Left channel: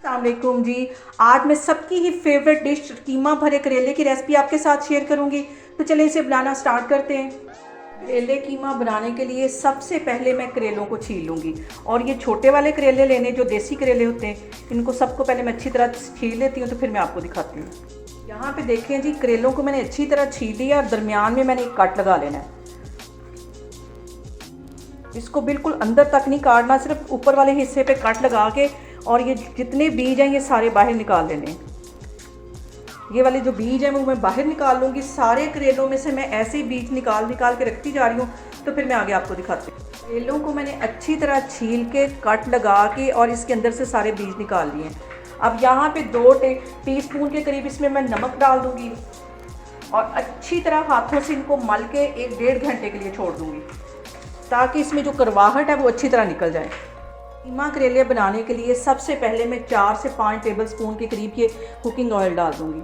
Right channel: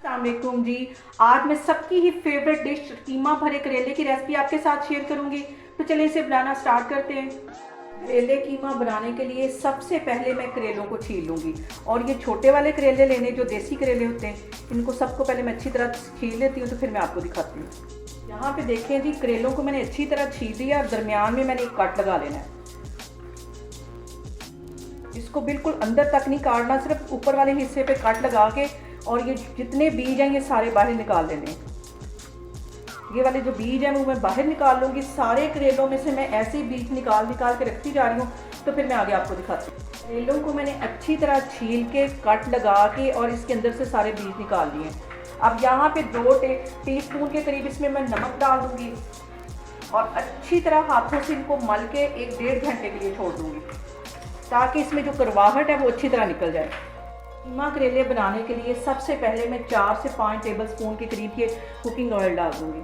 अस्सलामुअलैकुम जी। आज मैं सबकी ही फेवरेट डिश कीमा भरे करेले की रेसिपी आपके साथ शेयर करूंगी। तो चलिए इसे बनाना स्टार्ट करते हैं। करेले कीमा बनाने के लिए सबसे पहले मैं करेलों को छील लूँगी। और ये छोटे वाले करेले लेने, जो देसी करेले होते हैं, इनको सबको पहले मैं अच्छी तरह छील लेती हूँ, तो फिर मैं आपको दिखाती हूँ। यहाँ पे देखें जी, करेलों को मैंने अच्छी तरह छील लिया और दरमियान में मैंने एक कट लगा लेना है। इसको बिल्कुल अंदर तक नहीं काटना, सिर्फ ऊपर वाले हिस्से पे कट लगा के, और ये जितने बीज हैं ये सारे बाहर निकाल लेने। ये वाले जो बीज हैं वो मैं बाहर निकाल लूँगी। सारे करेलों में से मैं ऐसे ही बीज निकाल निकाल के रखती जा रही हूँ, तो फिर मैं आगे आपको दिखाती हूँ। करेलों को मैंने अच्छी तरह छील के कट लगा के और इसके अंदर से सारे बीज निकाल लिए। अब यहाँ पे 2 टीस्पून के करीब इसमें मैं नमक डाल दूँगी और अच्छी तरह हाथों से इनको मल के 1-1.5 घंटे के लिए छोड़ दूँगी, ताकि इसमें जो करवाहट है वो अच्छी तरह निकल जाए। कीमा करेले बनाने के लिए सबसे पहले मैं 4 से 5 टेबलस्पून के करीब ये कुकिंग ऑयल डाल दूंगी,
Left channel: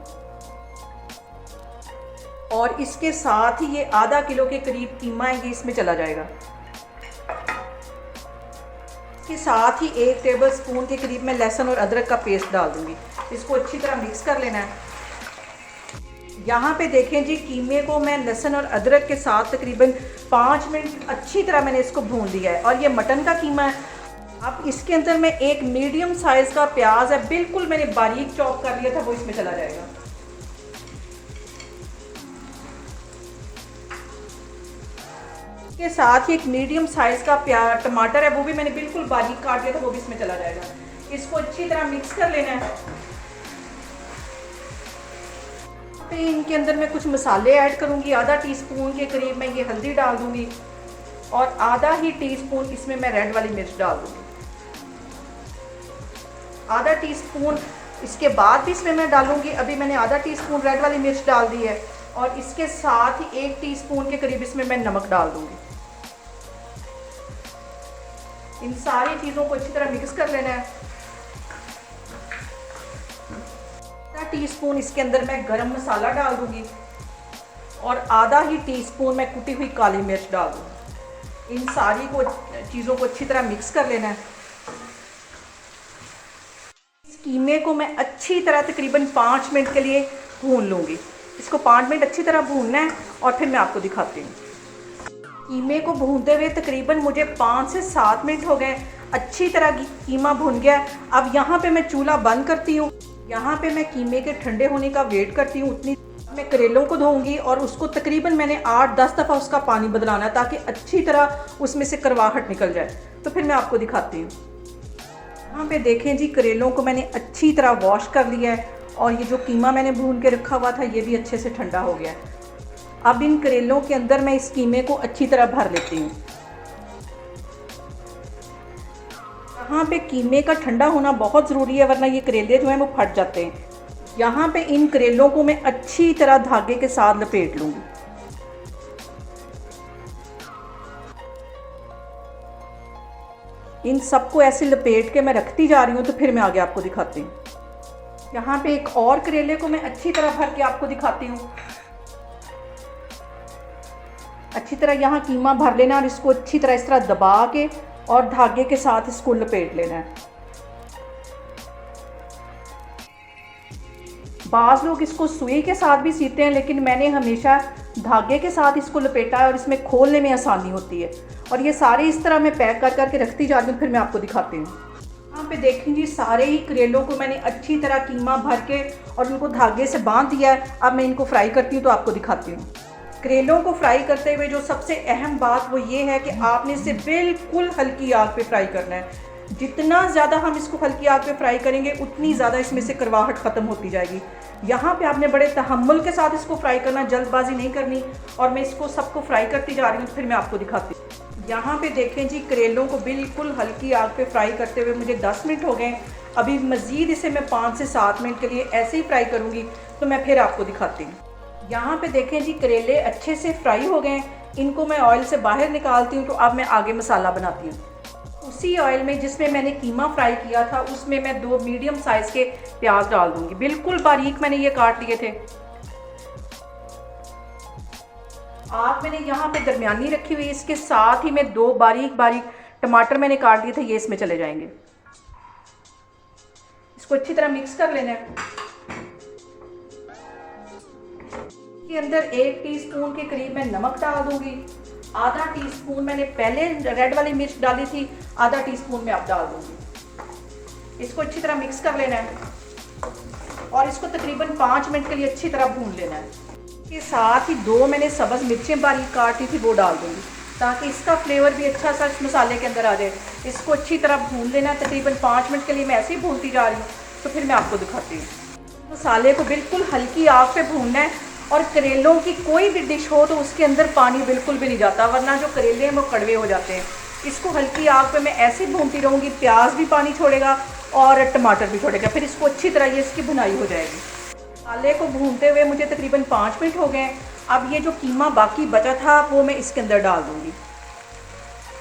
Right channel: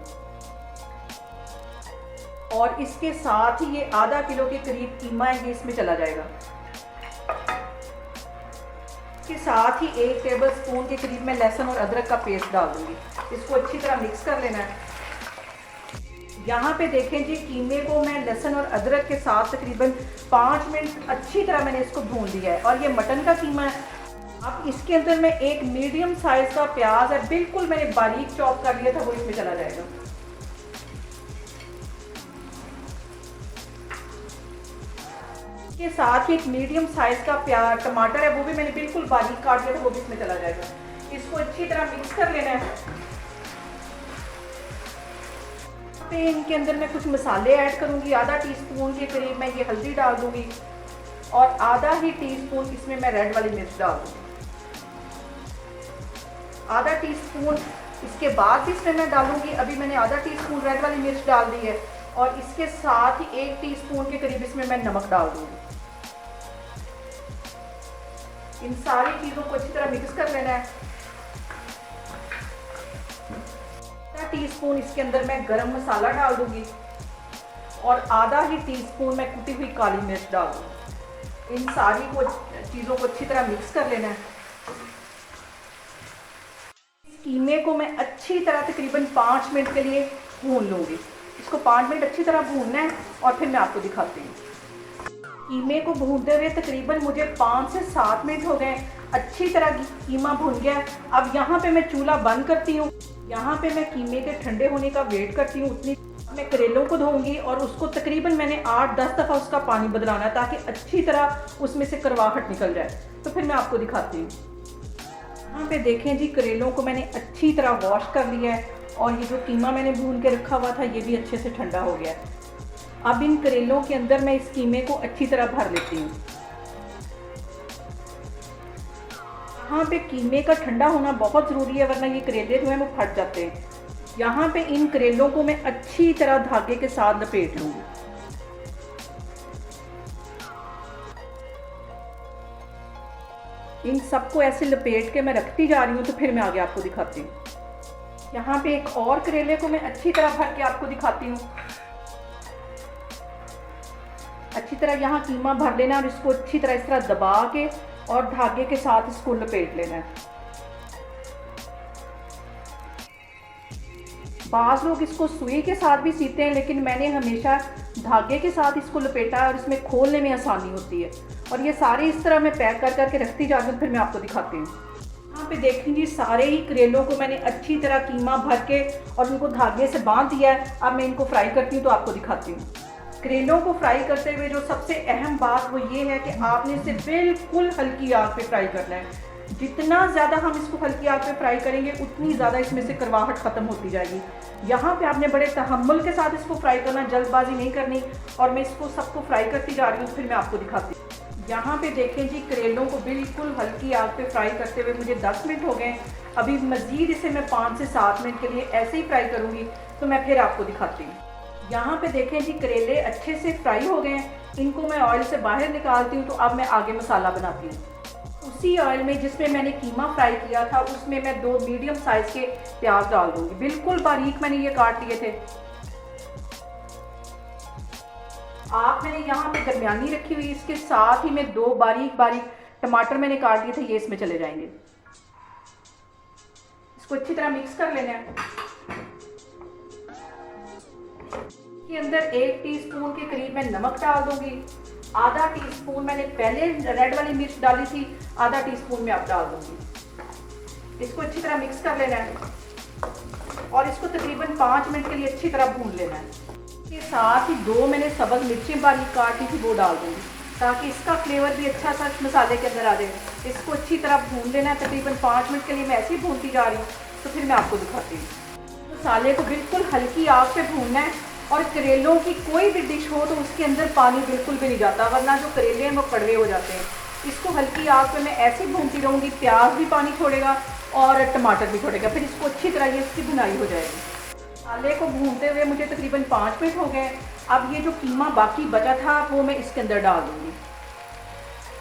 और इसके साथ ही ये आधा किलो के करीब कीमा है, इसमें चला जाएगा। इसके साथ ही 1 टेबलस्पून के करीब मैं लहसुन और अदरक का पेस्ट डाल दूंगी। इसको अच्छी तरह मिक्स कर लेना है। यहाँ पे देखें जी, कीमे को मैं लहसुन और अदरक के साथ तकरीबन 5 मिनट अच्छी तरह मैंने इसको भून दिया है। और ये मटन का कीमा है। अब इसके अंदर मैं एक मीडियम साइज़ का प्याज है, बिल्कुल मैंने बारीक चॉप कर लिया था, वो इसमें चला जाएगा। इसके साथ ही एक मीडियम साइज़ का टमाटर है, वो भी मैंने बिल्कुल बारीक काट लिया था, वो भी इसमें चला जाएगा। इसको अच्छी तरह मिक्स कर लेना है। इनके अंदर मैं कुछ मसाले ऐड करूंगी। आधा टीस्पून के करीब मैं ये हल्दी डाल दूंगी और आधा ही टीस्पून इसमें मैं रेड वाली मिर्च डाल दूंगी। आधा टीस्पून इसके बाद भी इसमें मैं डालूंगी। अभी मैंने आधा टीस्पून रेड वाली मिर्च डाल दी है, और इसके साथ ही 1 टीस्पून के करीब इसमें मैं नमक डाल दूंगी। इन सारी चीज़ों को अच्छी तरह मिक्स कर लेना है। आधा टीस्पून इसके अंदर मैं गरम मसाला डाल दूंगी और आधा ही टीस्पून मैं कुटी हुई काली मिर्च डाल दूंगी। इन सारी चीज़ों को अच्छी तरह मिक्स कर लेना है। इस कीमे को मैं अच्छी तरह तकरीबन 5 मिनट के लिए भून लूँगी। इसको 5 मिनट अच्छी तरह भूनना है, और फिर मैं आपको दिखाती हूँ। कीमे को भूनते हुए तकरीबन मुझे 5 से 7 मिनट हो गए। अच्छी तरह कीमा भुन गया। अब यहाँ पे मैं चूल्हा बंद करती हूँ। यहाँ पे मैं कीमे के ठंडे होने का वेट करती हूँ। उतनी मैं करेलों को धोऊंगी, और उसको तकरीबन मैंने 8-10 दफ़ा उसका पानी बदलाना है, ताकि अच्छी तरह उसमें से करवाहट निकल जाए। तो फिर मैं आपको दिखाती हूँ। यहाँ पे देखें जी, करेलों को मैंने अच्छी तरह वॉश कर लिया है, और ये जो कीमा मैंने भून के रखा हुआ था ये भी अच्छे से ठंडा हो गया है। अब इन करेलों के अंदर मैं इस कीमे को अच्छी तरह भर लेती हूँ। यहाँ पे कीमे का ठंडा होना बहुत ज़रूरी है, वरना ये करेले जो हैं वो फट जाते हैं। यहाँ पे इन करेलों को मैं अच्छी तरह धागे के साथ लपेट लूँगी। इन सबको ऐसे लपेट के मैं रखती जा रही हूँ, तो फिर मैं आगे आपको दिखाती हूँ। यहाँ पे एक और करेले को मैं अच्छी तरह भर के आपको दिखाती हूँ। अच्छी तरह यहाँ कीमा भर लेना, और इसको अच्छी तरह इस तरह दबा के और धागे के साथ इसको लपेट लेना है। बाज़ लोग इसको सुई के साथ भी सीते हैं, लेकिन मैंने हमेशा धागे के साथ इसको लपेटा है, और इसमें खोलने में आसानी होती है। और ये सारे इस तरह मैं पैक कर करके रखती जा रही हूँ, फिर मैं आपको दिखाती हूँ। यहाँ पे देखेंगे सारे ही करेलों को मैंने अच्छी तरह कीमा भर के और उनको धागे से बांध दिया है। अब मैं इनको फ्राई करती हूँ, तो आपको दिखाती हूँ। करेलों को फ्राई करते हुए जो सबसे अहम बात वो ये है कि आपने इसे बिल्कुल हल्की आग पे फ्राई करना है। जितना ज़्यादा हम इसको हल्की आग पे फ्राई करेंगे, उतनी ज़्यादा इसमें से करवाहट ख़त्म होती जाएगी। यहाँ पे आपने बड़े तहम्मुल के साथ इसको फ्राई करना, जल्दबाजी नहीं करनी। और मैं इसको सबको फ्राई करती जा रही हूँ, फिर मैं आपको दिखाती हूँ। यहाँ पे देखें जी, करेलों को बिल्कुल हल्की आग पे फ्राई करते हुए मुझे 10 मिनट हो गए। अभी मज़ीद इसे मैं 5 से 7 मिनट के लिए ऐसे ही फ्राई करूँगी, तो मैं फिर आपको दिखाती हूँ। यहाँ पे देखें जी, करेले अच्छे से फ्राई हो गए। इनको मैं ऑयल से बाहर निकालती हूँ। तो अब मैं आगे मसाला बनाती हूँ। उसी ऑयल में जिसमें मैंने कीमा फ्राई किया था, उसमें मैं 2 मीडियम साइज़ के प्याज डाल दूँगी। बिल्कुल बारीक मैंने ये काट लिए थे। आग मैंने यहाँ पे दरमियानी रखी हुई। इसके साथ ही मैं 2 बारीक बारीक टमाटर मैंने काट दिए थे, ये इसमें चले जाएंगे। इसको अच्छी तरह मिक्स कर लेना है। के अंदर 1 टीस्पून के करीब मैं नमक डाल दूंगी। आधा टीस्पून मैंने पहले रेड वाली मिर्च डाली थी, आधा टीस्पून मैं अब डाल दूंगी। इसको अच्छी तरह मिक्स कर लेना है और इसको तकरीबन 5 मिनट के लिए अच्छी तरह भून लेना है। इसके साथ ही 2 मैंने सब्ज़ मिर्चें बारीक काटी थी, वो डाल दूंगी ताकि इसका फ्लेवर भी अच्छा सा इस मसाले के अंदर आ जाए। इसको अच्छी तरह भून लेना है। तकरीबन 5 मिनट के लिए मैं ऐसे ही भूनती जा रही हूँ, तो फिर मैं आपको दिखाती हूँ। मसाले को बिल्कुल हल्की आग पे भूनना है और करेलों की कोई भी डिश हो तो उसके अंदर पानी बिल्कुल भी नहीं जाता, वरना जो करेले हैं वो कड़वे हो जाते हैं। इसको हल्की आग पे मैं ऐसे भूनती रहूँगी। प्याज भी पानी छोड़ेगा और टमाटर भी छोड़ेगा, फिर इसको अच्छी तरह ये इसकी भुनाई हो जाएगी। मसाले को भूनते हुए मुझे तकरीबन 5 मिनट हो गए। अब ये जो कीमा बाकी बचा था वो मैं इसके अंदर डाल दूँगी।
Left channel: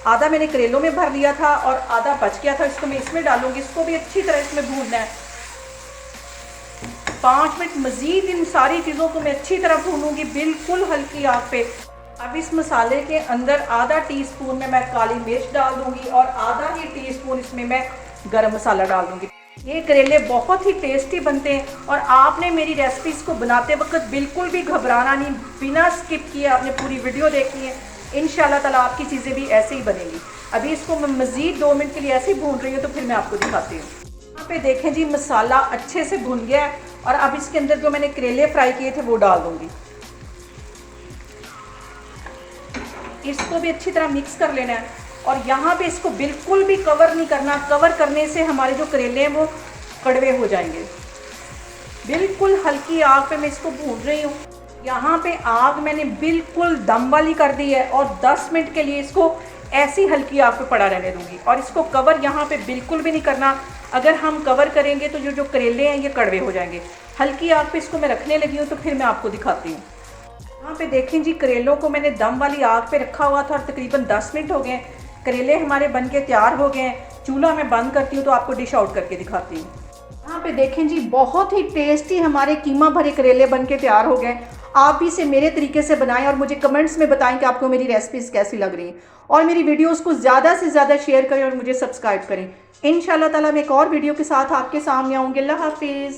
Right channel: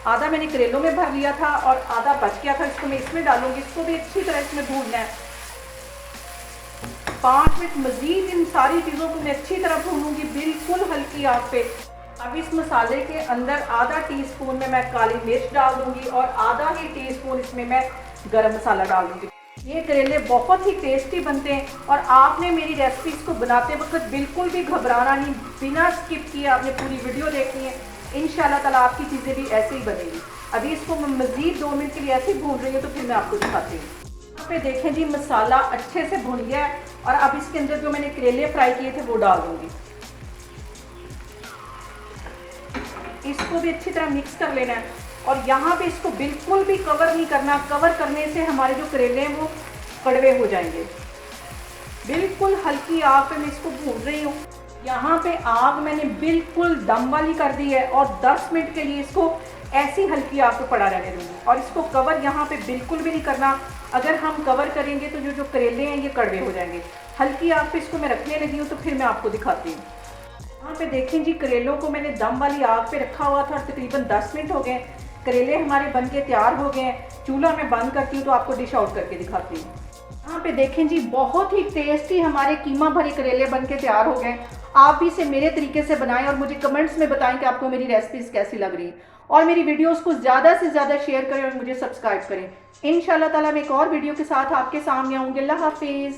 आधा मैंने करेलों में भर लिया था और आधा बच गया था, इसको मैं इसमें डालूँगी। इसको भी अच्छी तरह इसमें भूनना है। 5 मिनट मज़ीद इन सारी चीज़ों को मैं अच्छी तरह भूनूंगी बिल्कुल हल्की आग पे। अब इस मसाले के अंदर आधा टीस्पून में मैं काली मिर्च डाल दूंगी और आधा ही टीस्पून इसमें मैं गरम मसाला डाल दूंगी। ये करेले बहुत ही टेस्टी बनते हैं और आपने मेरी रेसिपीज़ को बनाते वक्त बिल्कुल भी घबराना नहीं, बिना स्किप किए आपने पूरी वीडियो देखनी है। इंशाल्लाह ताला आपकी चीज़ें भी ऐसे ही बनेंगी। अभी इसको मैं मज़ीद 2 मिनट के लिए ऐसे ही भून रही हूँ, तो फिर मैं आपको दिखाती हूँ। यहाँ पे देखें जी, मसाला अच्छे से भुन गया है और अब इसके अंदर जो मैंने करेले फ्राई किए थे वो डाल दूंगी। इसको भी अच्छी तरह मिक्स कर लेना है और यहाँ पे इसको बिल्कुल भी कवर नहीं करना। कवर करने से हमारे जो करेले हैं वो कड़वे हो जाएंगे। बिल्कुल हल्की आग पे मैं इसको भून रही हूँ। यहाँ पे आग मैंने बिल्कुल दम वाली कर दी है और 10 मिनट के लिए इसको ऐसी हल्की आग पे पड़ा रहने दूंगी और इसको कवर यहाँ पे बिल्कुल भी नहीं करना। अगर हम कवर करेंगे तो जो करेले हैं ये कड़वे हो जाएंगे। हल्की आग पे इसको मैं रखने लगी हूँ, तो फिर मैं आपको दिखाती हूँ। यहाँ पे देखें जी, करेलों को मैंने दम वाली आग पे रखा हुआ था और तकरीबन 10 मिनट हो गए। करेले हमारे बन के तैयार हो गए हैं। चूल्हा मैं बंद करती हूँ तो आपको डिश आउट करके दिखाती हूँ। यहाँ पे देखें जी, बहुत ही टेस्टी हमारे कीमा भरे करेले बन के तैयार हो गए। आप भी इसे मेरे तरीके से बनाएं और मुझे कमेंट्स में बताएं कि आपको मेरी रेसिपीज़ कैसी लग रही हैं और मेरी वीडियोस को ज़्यादा से ज़्यादा शेयर करें और मुझे सब्सक्राइब करें। इंशाल्लाह ताला मैं एक और वीडियो के साथ आपके सामने आऊँगी। अल्लाह हाफिज़।